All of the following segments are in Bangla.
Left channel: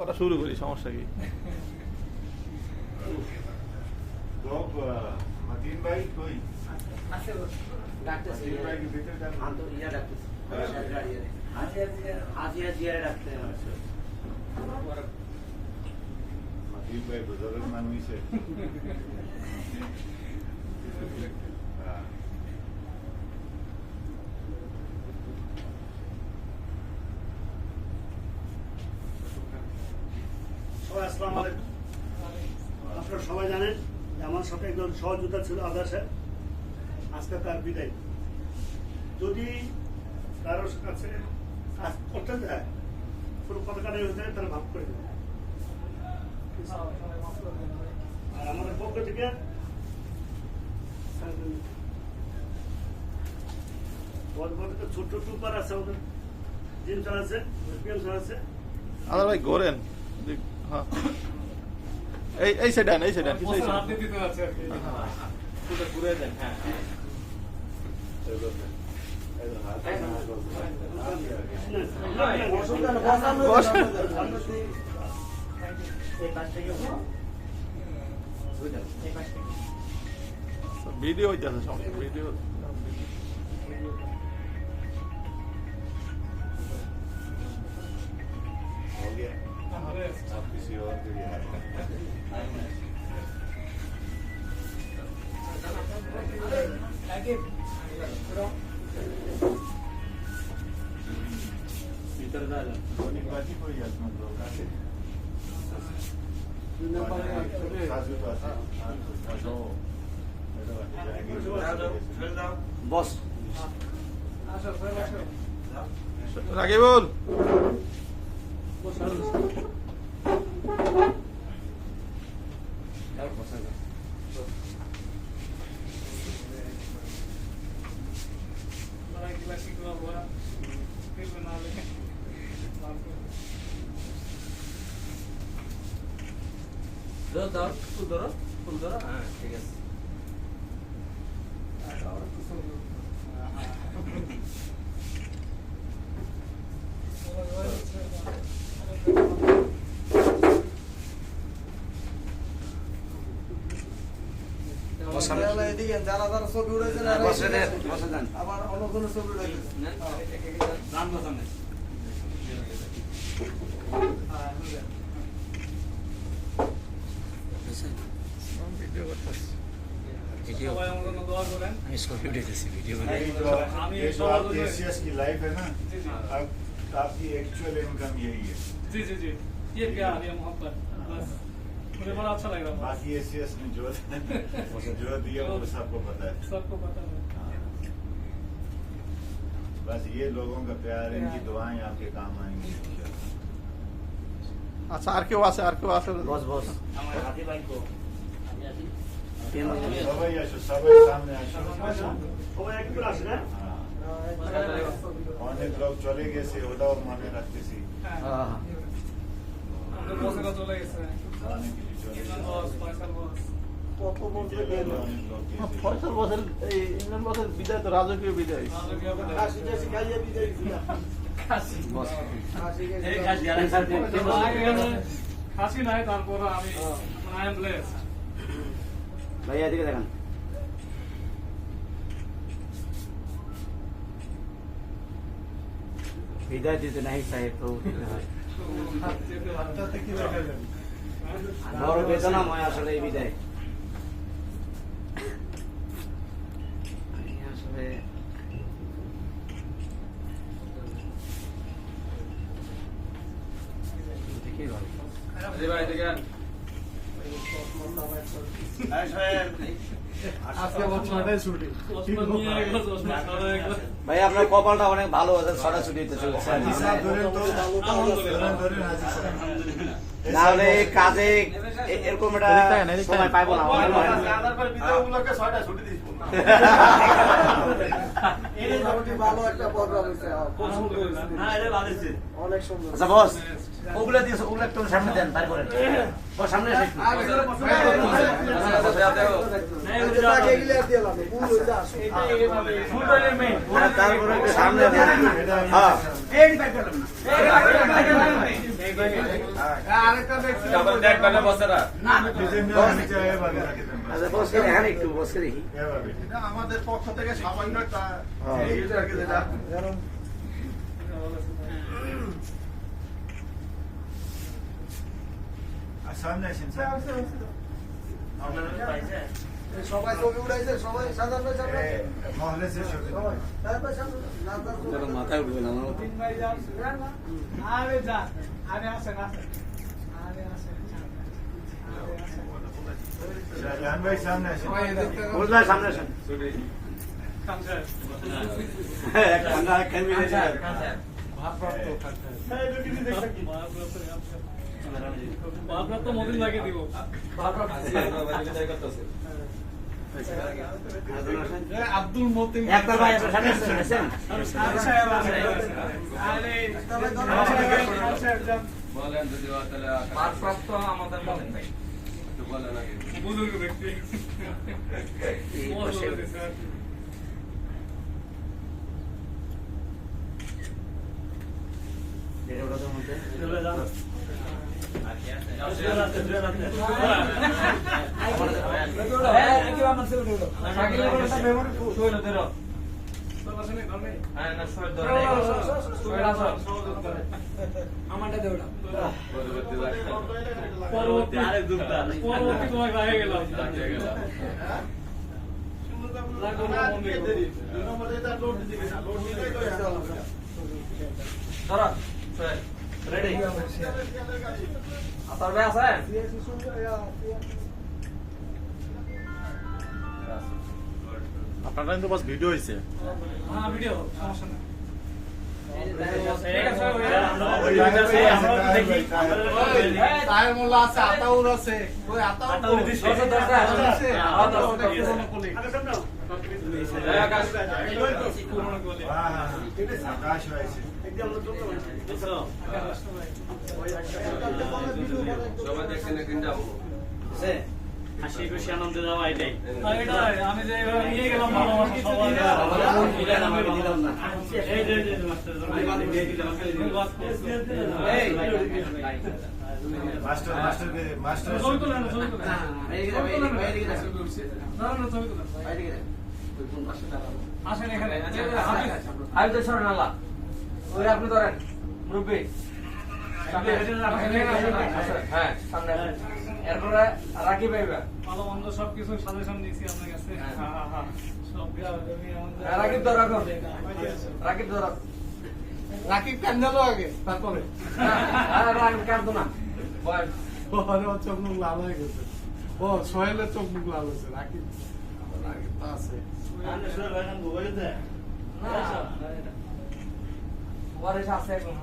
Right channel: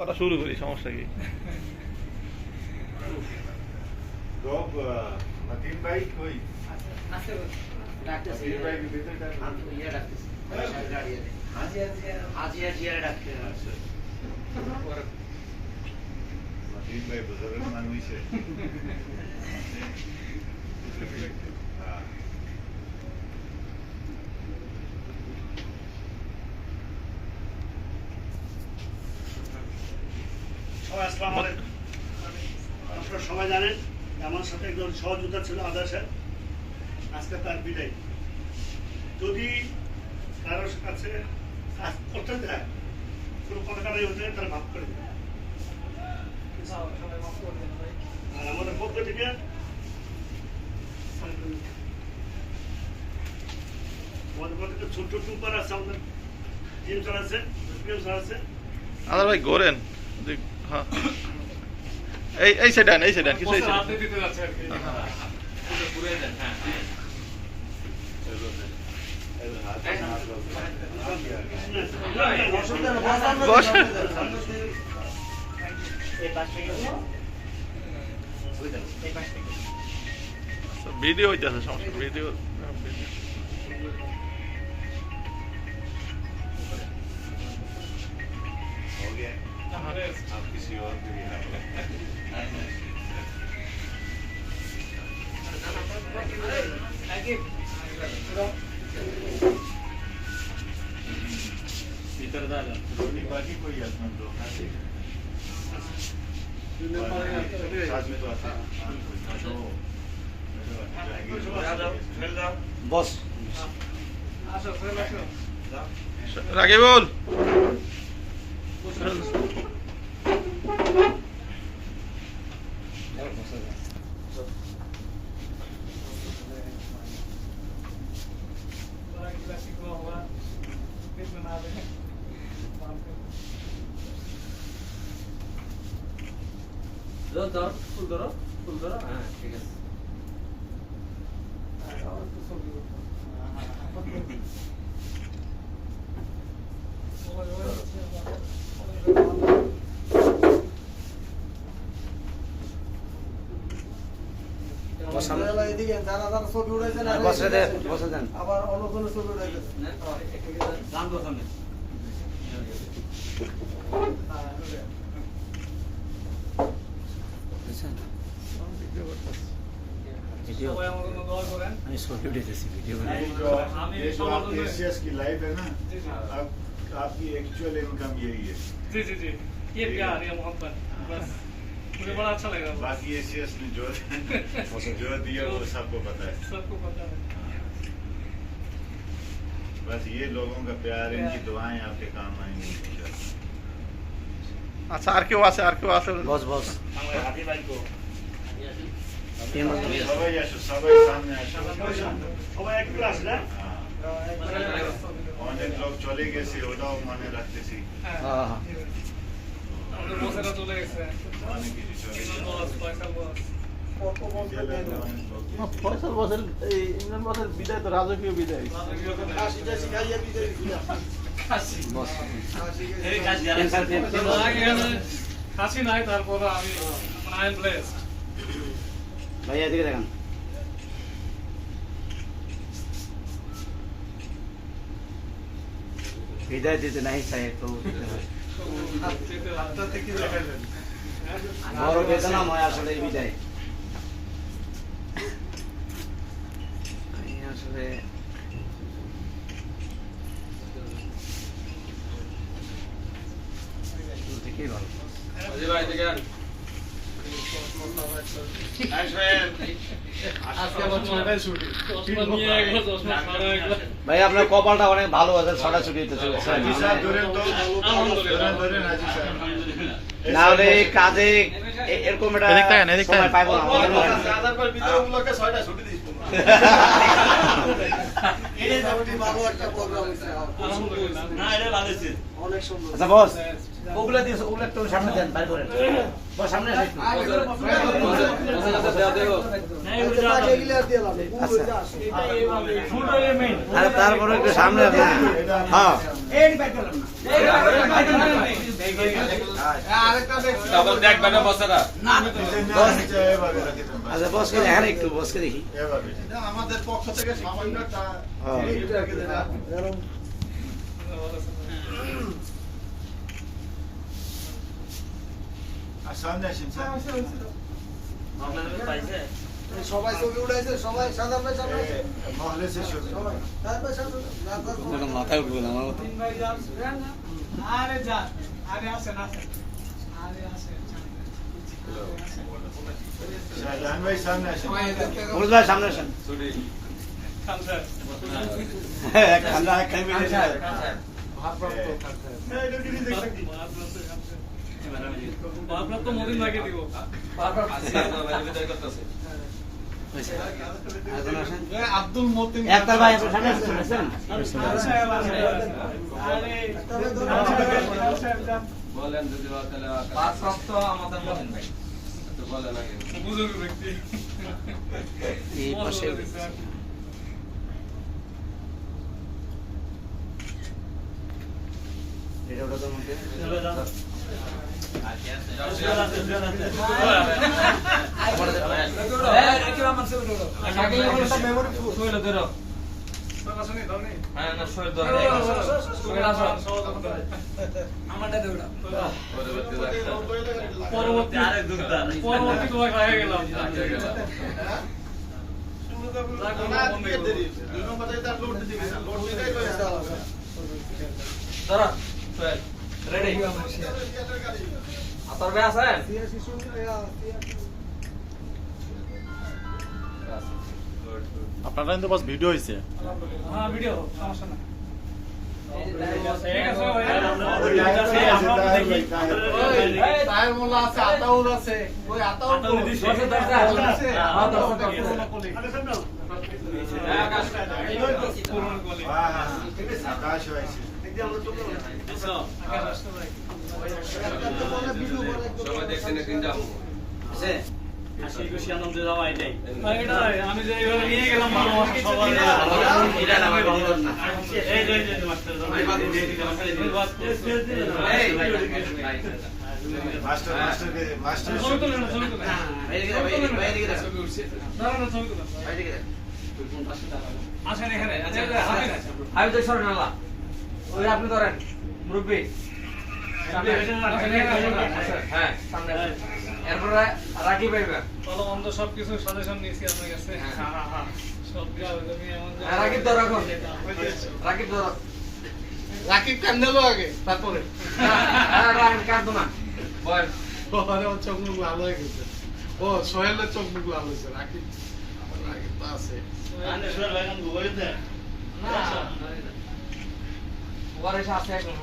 করা শুরু করি, সমস্যা কি? मतीन भाई कोई डॉक्टर से मतीन भाई के भीतर का हम तो ये डॉक्टर से गाड़ी है आज ये डॉक्टर अच्छा मतीन भाई बुजुर्ग मानवी से हाँ আসসালামু আলাইকুম। আপনারা সবাই জানেন আমার সাথে একজন সহযোদ্ধা ছিল আদার সাহেব, আজকে তার বিদায়। যদি কারোর কাছে কাজ করতে দেয়, কোনো কথা কাটাই হতে তারা মাফ করে দেবে। আর আমাদের পক্ষ থেকে আমাদের পক্ষ থেকে ছোট্ট টুপার আছে, আমাদের জিম চালাচ্ছে, প্রেম চালাচ্ছে। আদার ভাই ঘোরেন। হ্যাঁ, এই সেডান কিছু এই সেডান। রাজনীতিতে যাচ্ছে আর কি। হ্যাঁ। পুরো পুরো দেন, হ্যাঁ। ভিডিও হইতেছে, সমস্যা ভিডিও। हो गया आप किसी और के लिए धोनी बाकी कोई आसमान लोग साथ में तो आता बस রাকিবুল, ফুল ধরো, হ্যাঁ, ঠিক আছে। আবার অন্য কোনো ছবি উঠাইছে ভিডিও করতেছি। সবাই আমার জন্য দোয়া করেন। আমি ছবি উঠাইতেছি ভিডিও ये जो आप एशियस की लाइफ है ना, अब आपकी एक्चुअल इनकम यही है। जी जी जी, ये प्यार, ये मोहब्बत, बस मुझे बड़ा अच्छा लग रहा है। बाकी एशियस ने जो दिया वो सबको पता है। सबको पता है। बस ये लोगों का प्यार, इनकी दुआएं आपके काम आएंगी। আচ্ছা, আর কেউ আছে? बस बस সবাই আসো, সবাই সামনে আসো। সবাই একটু আসে না? হ্যাঁ, অনেক লোক চলে গেছে, ওটাও মনে রাখতেছি। হ্যাঁ, আমাদের বসেরা চলে গেছে। অনেক কিছু চলে ইমরান গেছে। বস, ফয়সাল বস। অনেক লোক গেছে। ফয়সাল বসের, এই ইমরান বসের বিদায় তো রাজকীয় বিদায়। হাসি নাই, তারপর আমি আই এম ব্লেসড। ভাইয়া এদিকে দেখেন বিদায় দিতে নাই চাই তো বড় বেদনাময় আসলে এই বিদায় আসলে দেখেই ভালো ভাই আপনার কপালটা অনেক ভালো আছে, ছটা ছুটি দিতে চলেছে হিসাব ধরেন তো, ধরেন আজি সব। না হলে এই কাজে এরকম একটা এদিক তাকান, এদিক তাকান। সময় পাইবো না আচ্ছা বস, ওগুলা দিয়ে ওগুলা একটু সামনে দেন, বাইরে করেন বস, সামনে এসে একটু। তারপরে একটু সামনে দেন। হ্যাঁ ডাবল ব্যাগ বানা বসারা নিচে এবারে রাখে দেন। আচ্ছা বসকে দেখেন একটু বসকে দেখি এবারে। আমাদের পক্ষ থেকে সামান্য একটা আর সামনে আসেন, সামনে। সবাই ছবি উঠাইছে, সবাই সাদা ভাই সামনে এ, মহলে শেষ হচ্ছে। সাদা ভাই সামনে না মাথায় উঠবে না তিন ভাই যান আরে যান আরে আসেন আসেন আরে আসেন শাহজাহান ভাই সামনে আসেন। মুরুদ ভাই সামনে আসেন ছুটি খান স্যার এক কান্না এক খাই মিলে যায় ভারপ্রাপ্ত মদিন ভাইকে দিব আব্দুল মতিন একটা ভাই আপনার সামনে আসেন বলেন যদি তাহলে পাঁচপ্রাপ্ত আমাদের বলেন ভাই তো বলেন আগে বুজুর্গ ব্যক্তি এই পাশে এটা ওটা তো মধ্যে পরবর্তী তোমায় হয়ে গেলাম আপনারা কিন্তু বাস ভিডিও হইছে হ্যাঁ ভিডিও সমস্যা নাই তাহের মোল্লা আছে, আতাউল আছে। ওই আতাউল দিছে। আকাশ হয়েছে। সবাই দেখছেন একদিন যাবো আছে আমি যে এভাবে নিয়ে গেলাম ভালোবাসা সবার এটা না ভাই দিলাম না এই যে মাস্টার মাস্টার মাস্টার ছবি তুলে না ছবি তুলে না এইদিকে ভাই এইদিকে দেখো দাঁড়ানো ছবি তুলে এইদিকে দেখো আসেন এখানে আমি তো সরেন আল্লাহ ওই আপনি ধরেন মুরব্বী হ্যাঁ সামনে এরপরে রাখি পাইবেন ভালো মন্দ সবকিছু সাজেশন নিয়েছি আপনার কাছে সব রাকিব ধর এখন রাকিব ধর রাকিব কান্দালো আগে, তারপরে রাকিব কাটবো না বল ওর চোখ মুখ লাল হয়ে গেছে। ও সোহেলের চোখ মুখ লাল হয়েছে। রাকিব আমার রাকিব তো আছে। ওর এসে আসছে এখন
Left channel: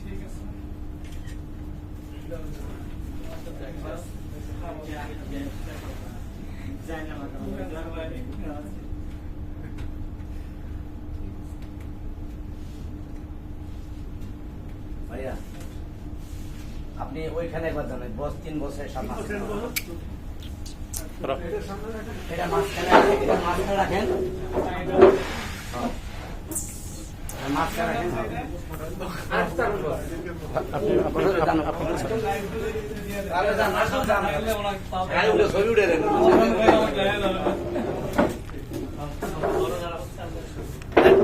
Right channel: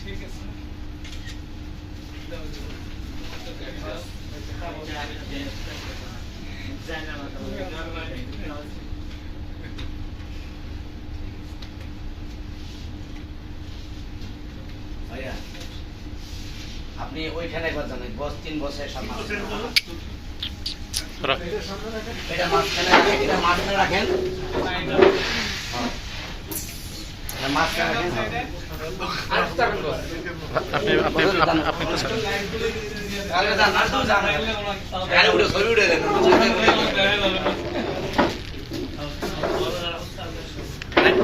ঠিক আছে ভাইয়া আপনি ওইখানে একবার জানেন বস 3 বছরের সামনে এটা মাঝখানে রাখেন এটা মাঝখানে রাখেন আপনি তো স্যার আরে দাঁড়ান না জানেন আরে উঠে ছবি উঠে দেন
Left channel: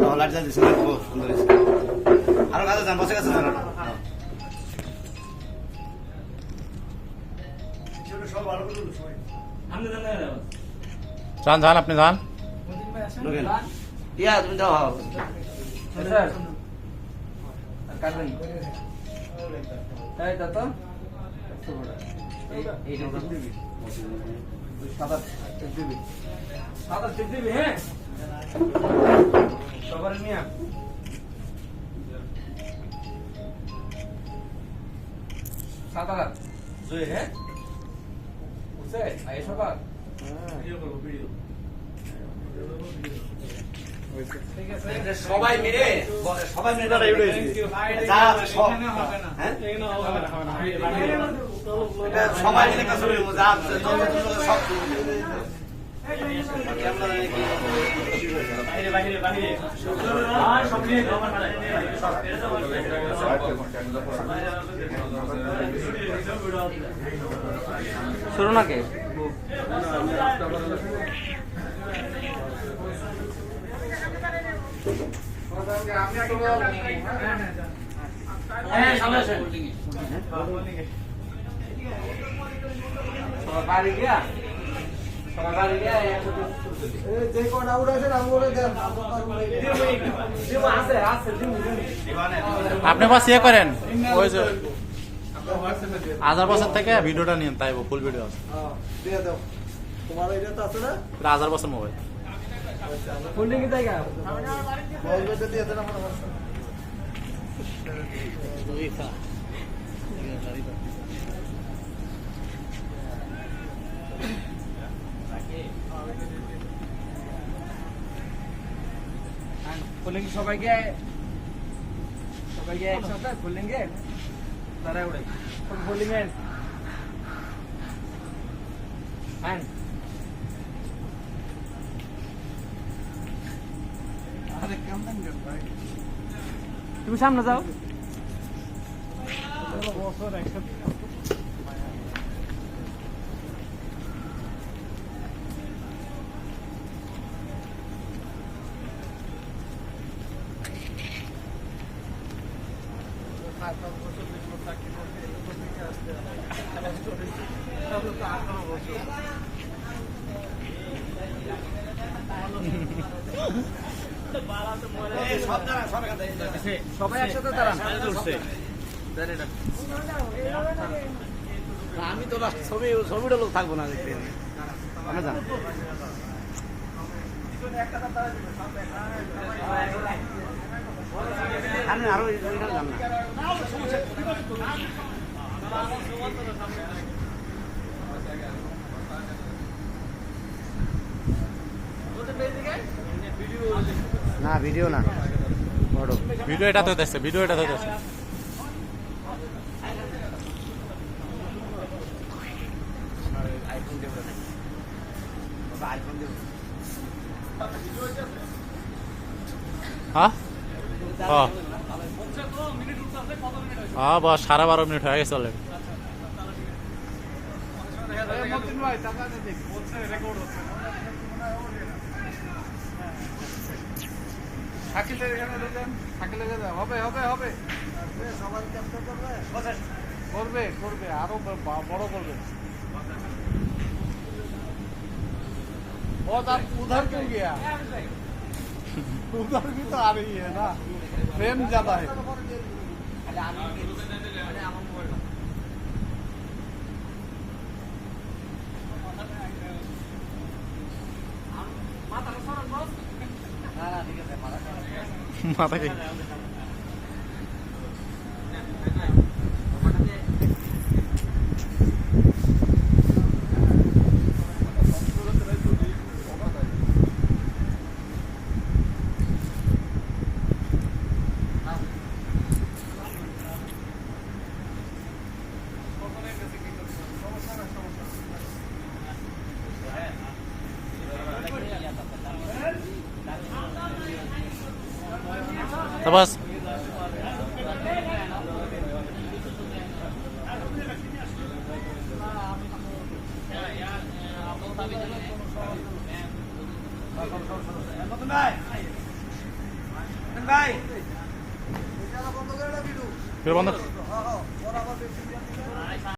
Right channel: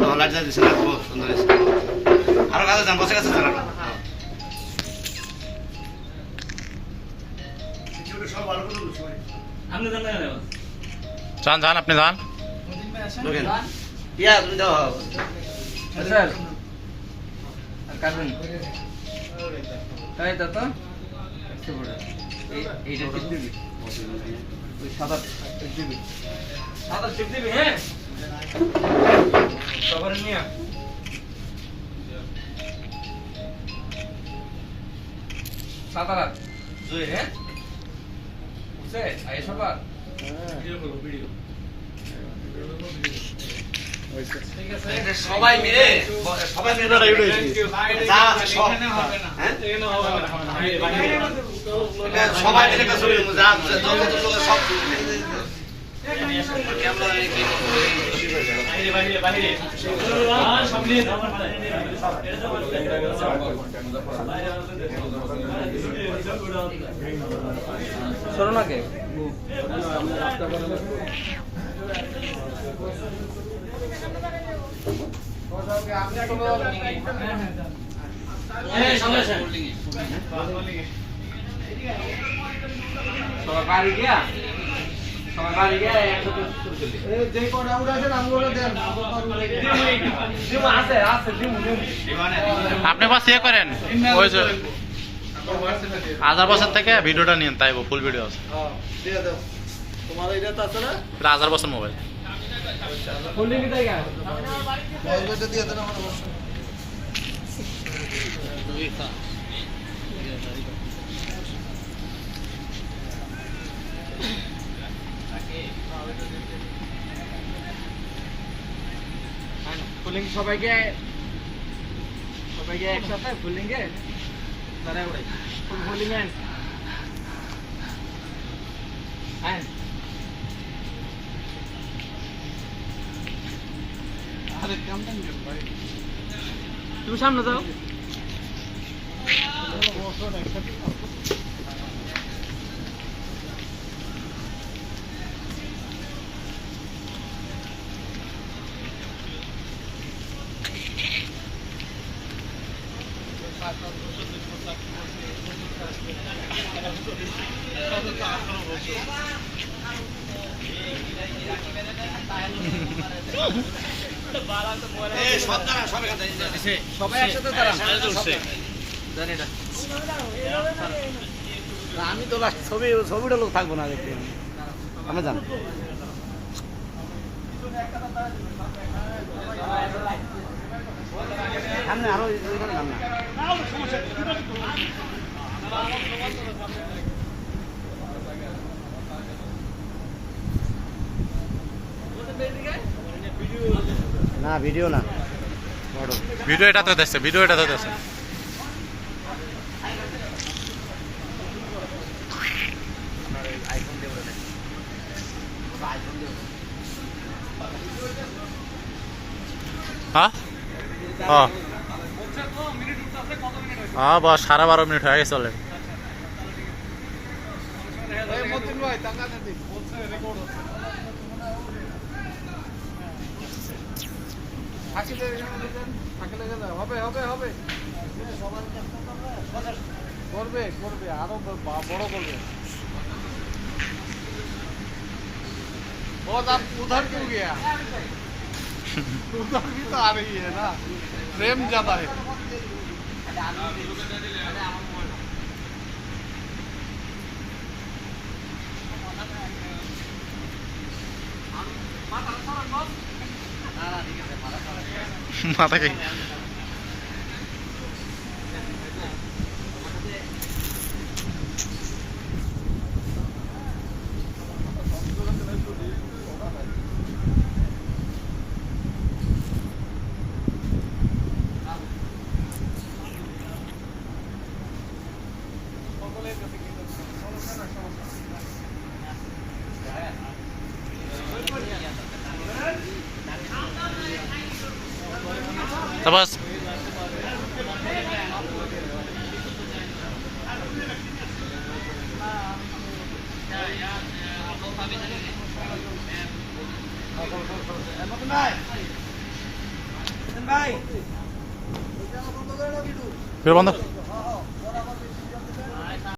ভালো লাগছে খুব সুন্দর আছে আরো কাছে যান বসে কাছে যান যান যান আপনি যান ঢোকেন ইয়া তুমি দাও স্যার কাটুন তাই দাদা এইটা টিপ দিবি ওই সাদা টিপ দিবি সাদা টিপ দিবি হ্যাঁ সবার নিয়ে সাদা জুই হ্যাঁ বুঝছে আই সবার ভিডিও করবো ভিডিও ঠিক আছে সবাই মিলে যা আছে সব এখানে হবে না হ্যাঁ এখানে হবে না সবাই মিলে কাজ করি যা যত সব শোনো না কে সবাই বাড়ি গিয়া যে কটা উড়াছেন আমগুলো দেন আছে আপনি বাস ইয়ে করেন ওই যে 1000 বছর থেকে ভিডিওটা নিন তাই ফুল ভিডিও আছে দিয়ে দাও তোমার এটা তো আছে না 1000 বছর মোবাইল হোল্ডিং এ জায়গা বলবেটা দিয়ে দেন আমার হোল্ডিং সবাইকে একসাথে হোল্ডিং এ তারা উড়াই হোল্ডিং এ আইন আরে কেমন ভাই তুমি সামনে যাও সবাই একসাথে দাঁড়ান আমি তো ছবিটা লোক থাকবো না দেখতে আমি জানি আমি আরো না ভিডিও না ভিডিও এটা তো দেখছে ভিডিও এটা তো দেখছে হ্যাঁ হ্যাঁ বাস 12.5 মিনিট হয়ে গেছে অলরেডি মতিন ভাই টাকা দিতে বলছে রেকর্ড হচ্ছে থাকিলে এখানে দেখেন থাকিলে হবে হবে হবে সবাই চেষ্টা করবে করবে আরো বড় করবে बहुत आप उधर क्यों गया उधर भी तो आ रही है ना प्रेम ज्यादा है মাথা কি Tabas. Bye.